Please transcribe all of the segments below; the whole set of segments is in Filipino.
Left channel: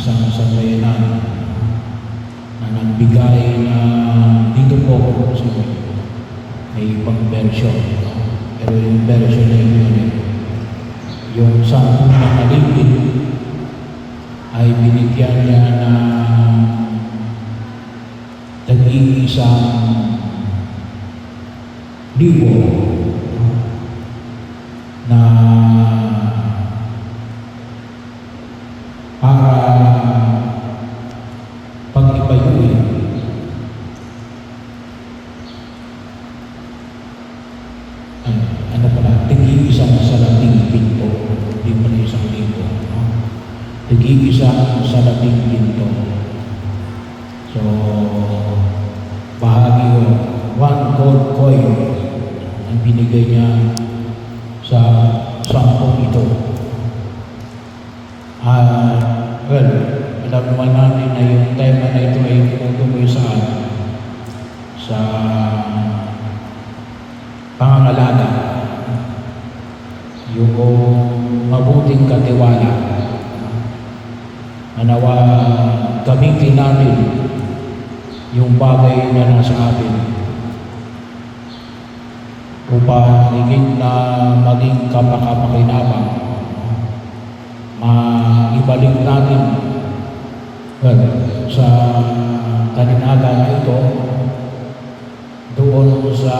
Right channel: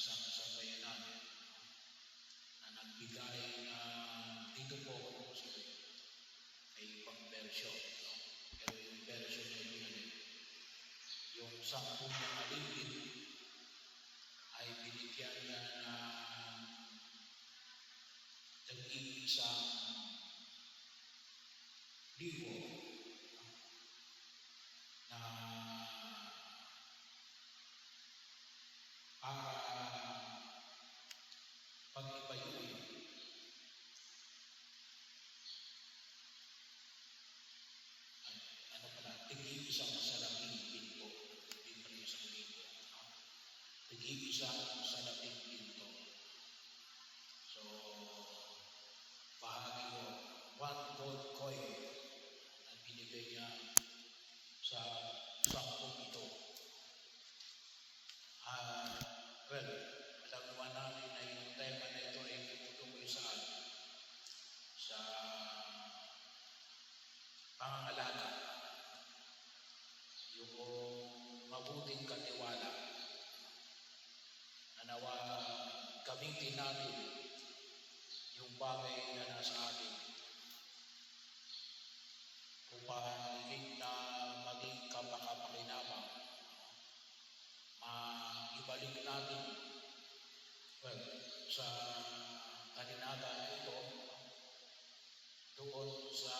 isang sambayanan na nagbigay na dito po sa may ibang version. Pero yung version na yun, yung 10 na kaligid ay binigyan niya na tag-iisang libo na para pag-ibayuin ano pala, tag-iisang salating pinto, hindi pa na 1,000, tag-iisang salating pinto. So bahagi yun, 1 gold coin ang binigay niya sa 10 ito. Well, alam naman natin na yung tema na ito ay tumutukoy sa pangangalaga, yung mabuting katiwala na nawa gamitin natin yung bagay na nasa atin upang higit na maging kapakapakinabang, maibalik natin sa talinaga na ito doon sa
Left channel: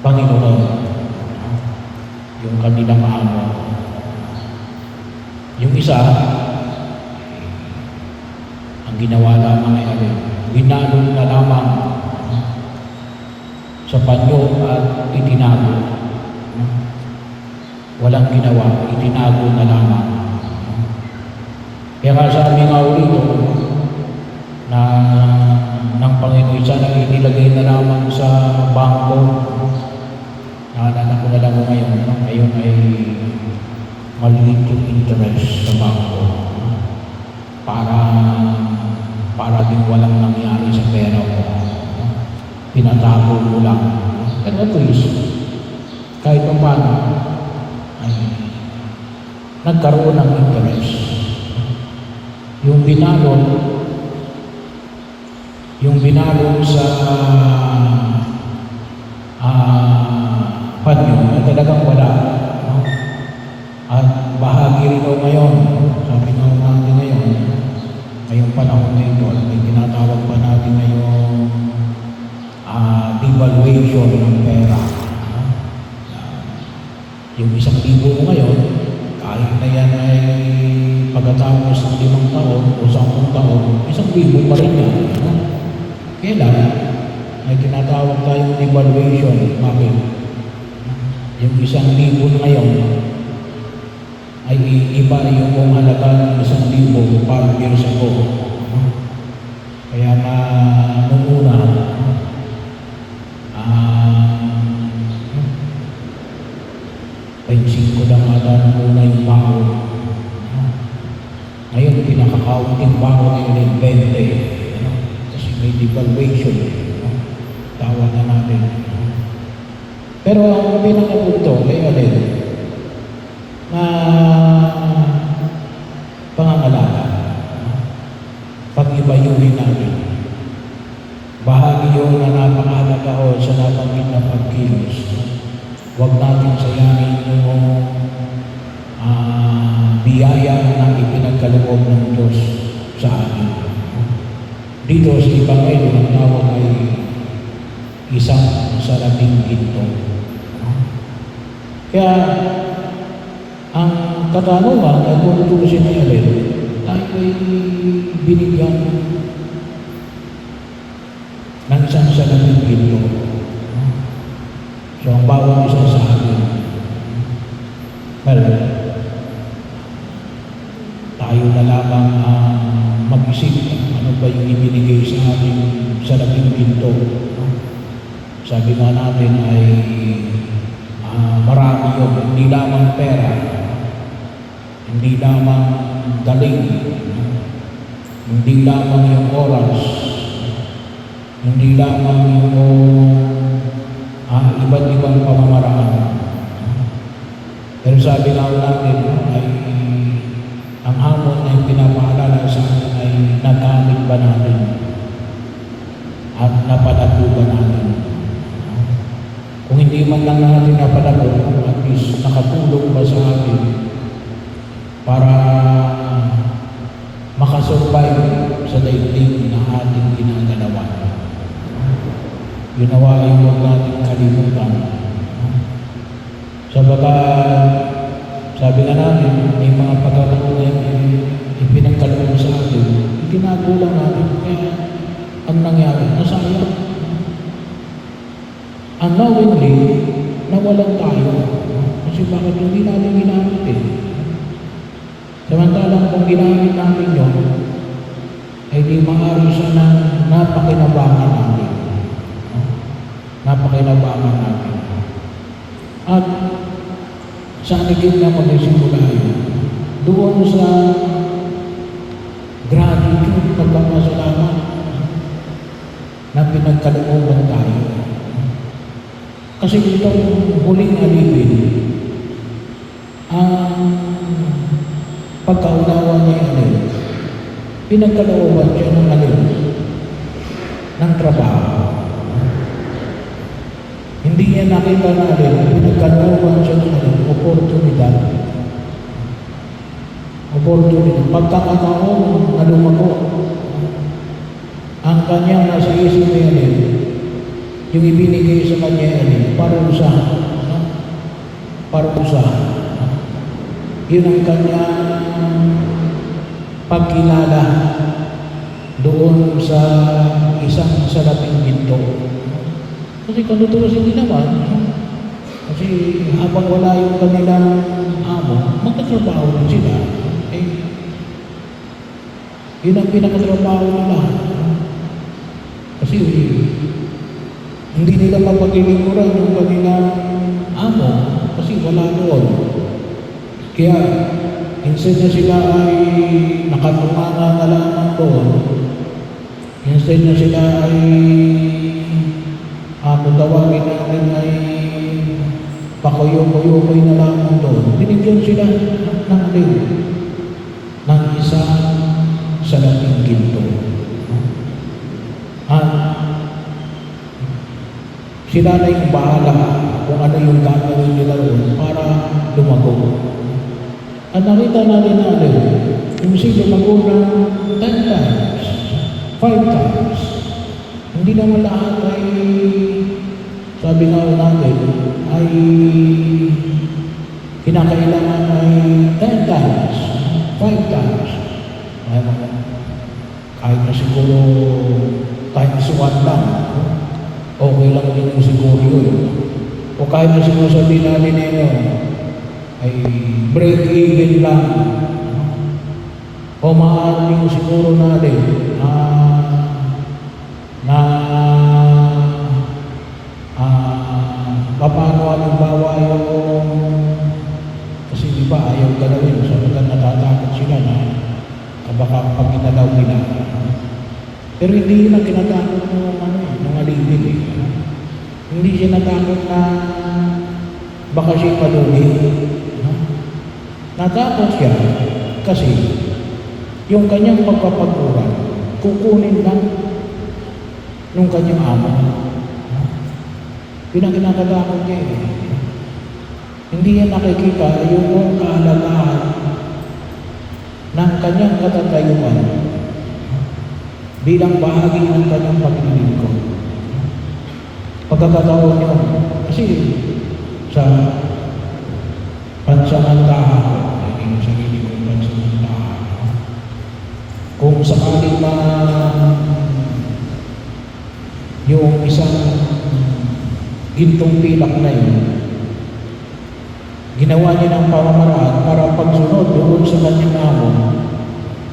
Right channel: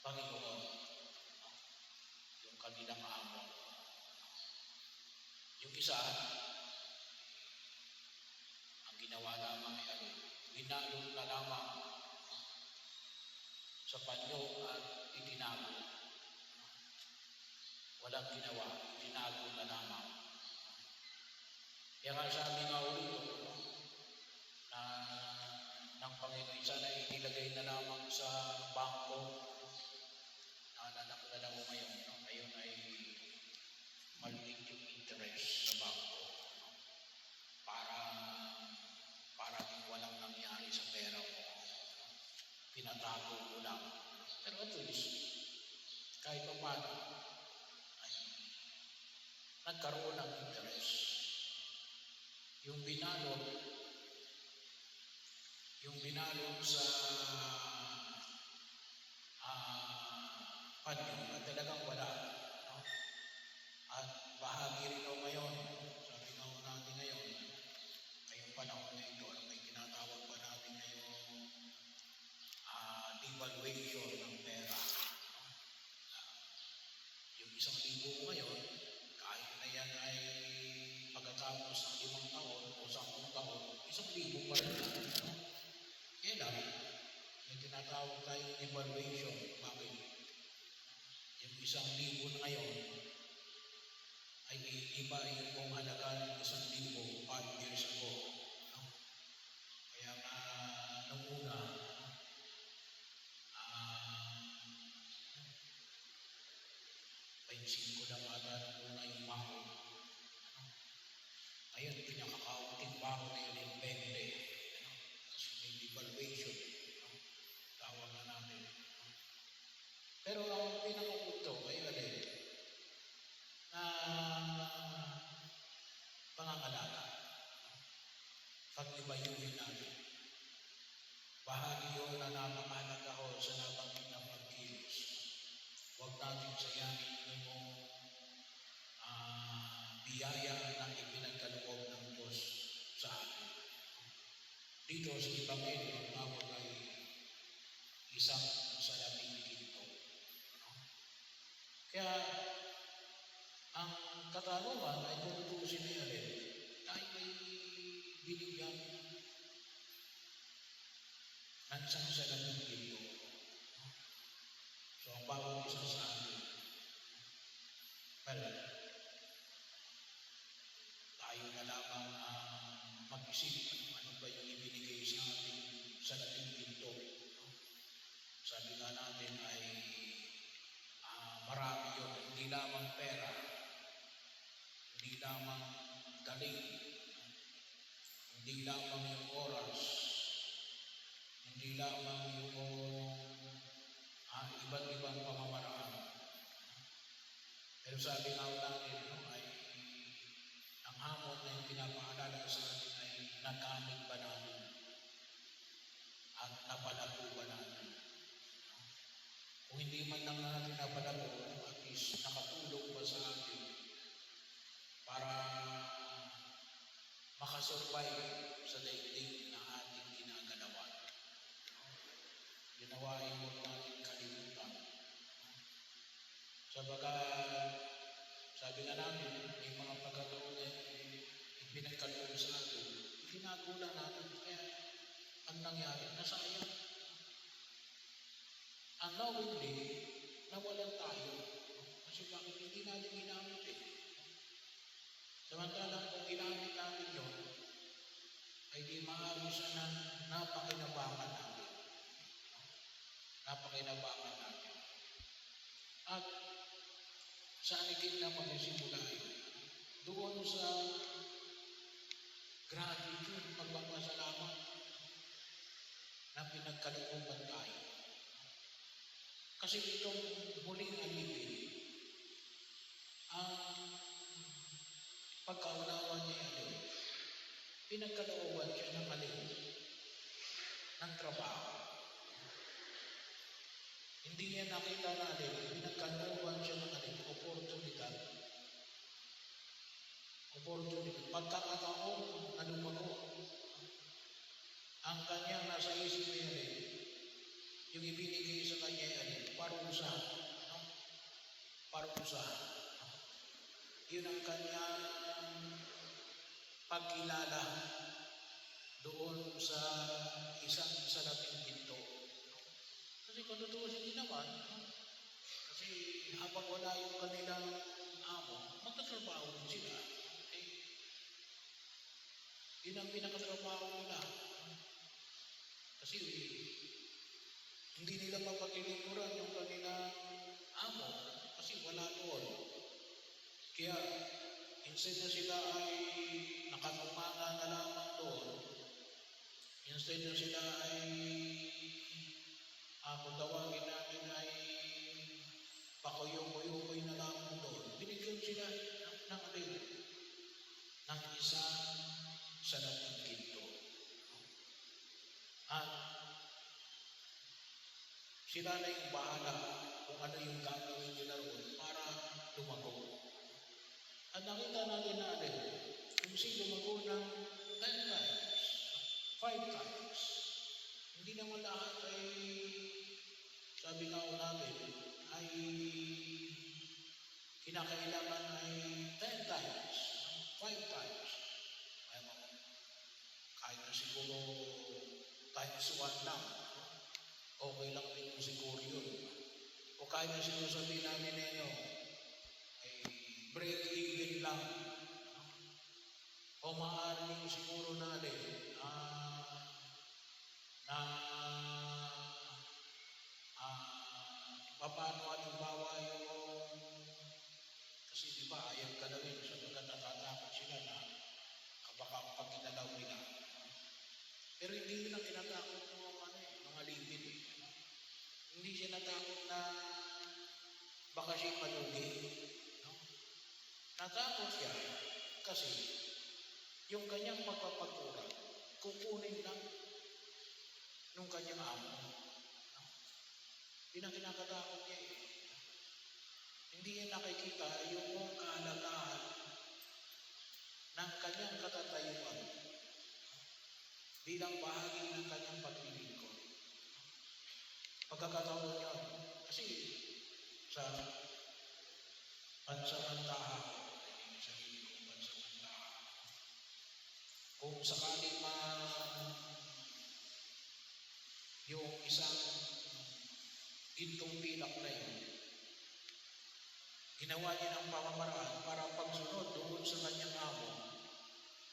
Panginoon, yung kanilang amo. Yung isa, ang ginawa lamang ay binalon na lamang sa panyo at itinago. Walang ginawa, itinago na lamang. Kaya nga sabi nga ulit na ng Panginoon, sana inilagay na lamang sa bangko. Naalala ko na lang ngayon, ngayon ay maliit yung interest sa bangko para din walang nangyari sa pera ko. Pinatago mo lang. Pero at least, kahit pa paano, ay nagkaroon ng interest. Yung binalon sa panyo na talagang wala. No? At bahagi rin ngayon, sabi nga natin ngayon, ngayong panahon na ito, may tinatawag pa natin ngayong devaluation ng pera. Yung 1,000 mo ngayon, kahit na yan ay pagkatapos ng 5 taon o 10 taon, 1,000 pa rin yan. Kailan may tinatawag tayong devaluation. Bakit? Yung 1,000 ngayon ay iba yung halaga ng 1,000 5 years ago. Kaya na nung una, 25 lang ata nung una yung baon. Ngayon, pinakakaunting baon na yun ay 20. Kasi may devaluation. Tawag na natin. Pero ang pinakapunto ay alin na pangangalaga. Pag-ibayuhin natin. Bahagi yun na napakahalaga o sa nabanggit na pagkilos. Huwag natin sayangin yung biyaya na ipinagkaloob ng Diyos sa atin. Dito sa Ebanghelyo, ang tawag ay isang salating ginto. Kaya, ang katanungan ay kung tutusin ay alin, tayo ay binigyan ng isang salating ginto. So, ang bawang isa sa atin, well, tayo na lamang mag-isip ano ba yung ibinigay sa ating salating ginto. Sabi nga natin ay marami yun, hindi lamang pera, hindi lamang galing, hindi lamang yung oras, hindi lamang yung iba't ibang pamamaraan. Pero sabi nga natin ay ang hamon ay pinapaalala sa atin ay nagamit ba natin at napalago ba natin. Kung hindi man lang natin napalago, at least nakatulong ba sa atin para makasurvive sa daigdig na ating ginagalawan. Yun nawa ay huwag natin kalimutan. Sabagat, sabi nga namin, may mga pagkakataon na ipinagkaloob sa atin, itinagulang natin, kaya ang nangyari, nasayang. Unknowingly, nawalan tayo. Kasi bakit hindi natin ginamit eh? Samantalang kung ginamit natin yun, ay di maaari siya na napakinabangan natin. Napakinabangan natin. At sa anigid na magsisimula yun, doon sa gratitude, pagpapasalamat na pinagkalooban tayo. Kasi itong huling alipin, ang pagkaunawa niya alin, pinagkalooban siya ng alin, ng trabaho. Hindi niya nakita na alin, pinagkalooban siya ng alin, oportunidad. Pagkakataon na lumago, ang kanyang nasa isip niya alin, yung ibinigay sa kanya alin, parusa. Parusa. Yun ang kanyang pagkilala doon sa isang salaping ginto. Kasi kung tuturusin din naman, kasi habang wala yung kanilang amo, magtatrabaho din sila. Yun ang pinakatrabaho nila. Kasi hindi nila mapagilingkuran yung kanilang amo kasi wala doon. Kaya instead na sila ay nakatumanga na lamang doon, instead na sila ay kung tawagin natin ay pakuyo-kuyo-kuyo na lamang doon, binigyan sila ng alin, ng isang salaping ginto. At sila na yung bahala kung ano yung gagawin nila doon para lumago. At nakita natin na alin, yung lumago ng 10 times, 5 times. Hindi naman lahat ay, sabi nga natin, ay kinakailangan ay 10 times, 5 times. Kahit na siguro times 1 lang, okay lang din yung siguro yun. O kahit na siguro sabihin namin ninyo, ay break even lang. O maaaring siguro natin paano halimbawa yung kasi di ba ayaw galawin sabagat natatakot sila na baka pag ginalaw nila. Pero hindi yun ang kinatakot ng alipin eh. Hindi siya natakot na baka siya palugi. Natakot siya kasi yung kanyang pagpapaguran kukunin lang nung kanyang amo. Yun ang kinakatakot niya eh. Hindi niya nakikita yung kahalagahan ng kanyang katatayuan bilang bahagi ng kanyang paglilingkod. Pagkakataon niyo, kasi sa pansamantahan, yung sarili kong pansamantahan, kung sakaling yung isang gintong pilak na yun, ginawa niya ng pamamaraan para pagsunod doon sa kanyang amo.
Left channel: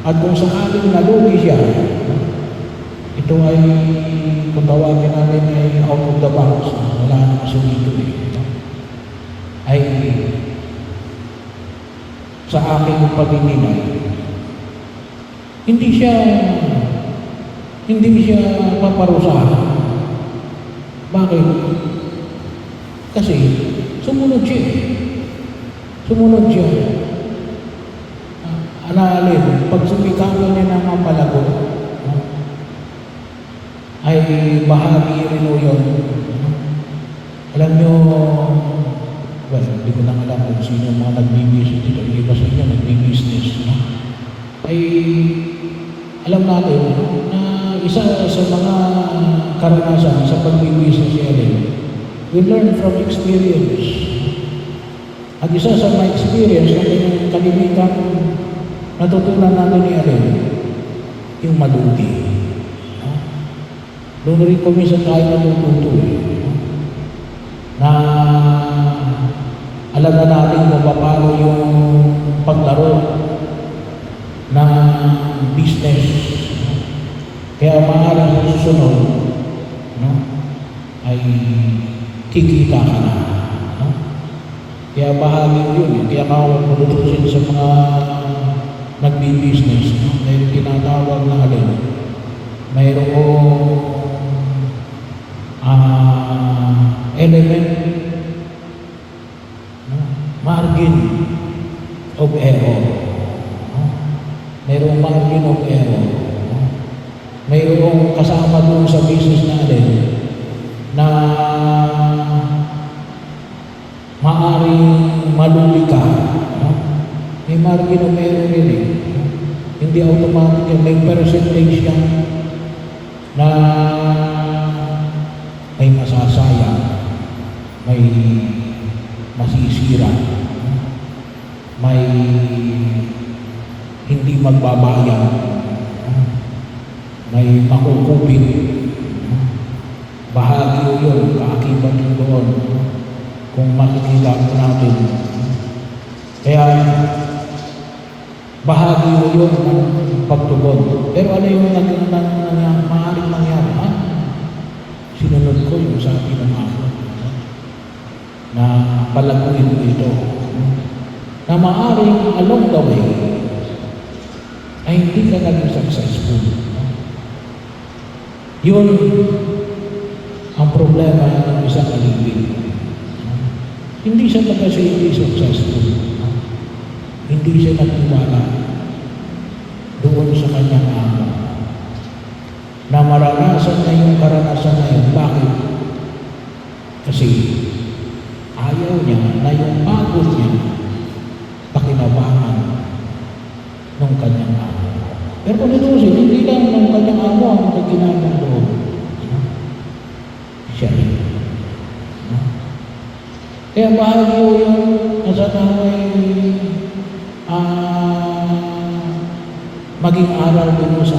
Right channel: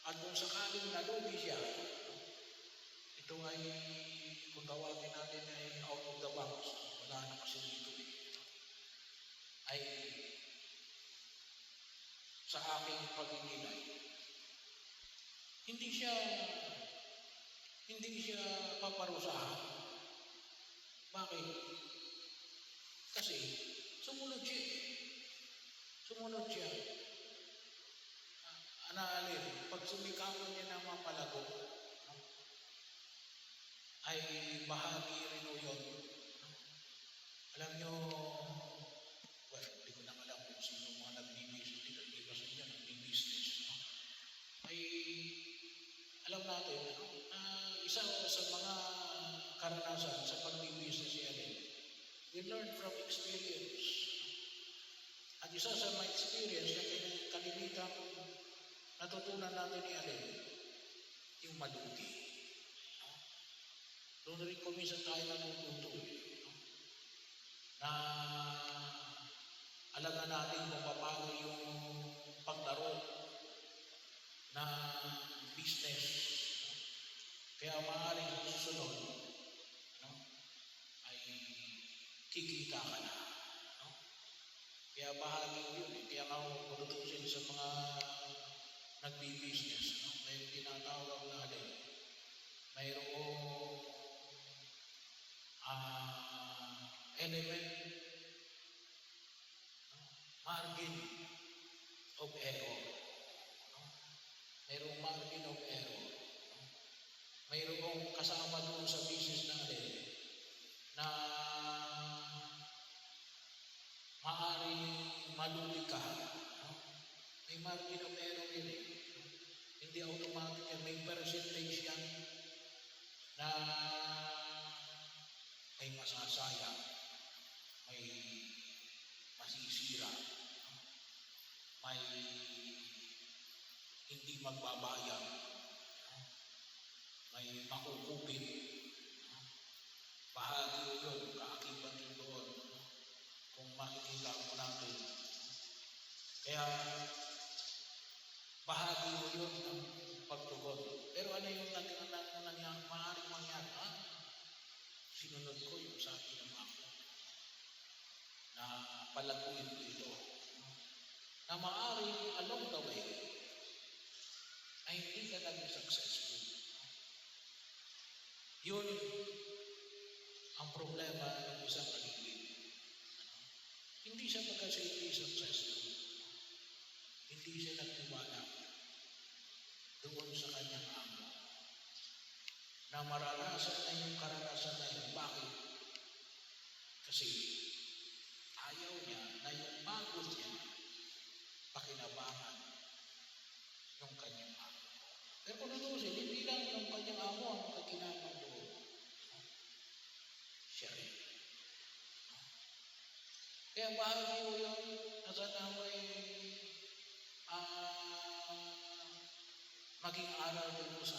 At kung sakaling nalugi siya, ito ay, kung tawagin namin ay out of the box, wala nang sumito eh. Ay, sa aking pagninilay, hindi siya paparusahan. Bakit? Kasi sumunod siya. Analin, pag sumikapan niya ng mga palago, no, ay bahagi rin o yun. No? Alam nyo, well, hindi ko lang alam kung sino yung mga nagbibusiness dito. Yung iba sa inyo, nagbibusiness. No? Ay, alam natin, ano, na isa sa mga karanasan sa pagbibusiness niya rin, we learn from experience. At isa sa my experience na kalimitan natutunan natin ni Alin, yung malugi. No? Doon rin kuminsan tayo natututo. No? Na alam na natin kung paano yung paglaro ng business. No? Kaya maaaring susunod, no? Ay kikita ka na. Kaya bahagi yun. Kaya makukutusin sa mga nagbi-business. No? Mayroong tinatawag na alin. Mayroong element, no? Margin of error. No? Mayroong margin of error. No? Mayroong kasama doon sa business natin na maaaring malugi ka. No? May margin of error rin eh. No? Hindi automatic yan. May percentage yan na may masasayang, may masisira, no? May hindi magbabayad, no? May makukupit. No? Bahagi yun, kaakibat yun doon. No? Kung makikita natin. Kaya, bahagi mo yun ng pagtugon. Pero ano yung maaaring mangyari? Ha? Sinunod ko yung sabi ng ako na palaguin mo ito. Na maaaring along the way ay hindi ka naging successful. Yun ang problema ng isang alipin. Hindi siya kasi hindi successful. Hindi siya nagtiwala doon sa kanyang amo. Na maranasan na yung karanasan na yun. Bakit? Kasi ayaw niya na yung pagod niya pakinabangan ng kanyang amo. Pero kung itusin, hindi lang ng kanyang amo ang nagkinabang doon. Siya rin. Kaya bahagi ko yung nasa naway maging aral din mo sa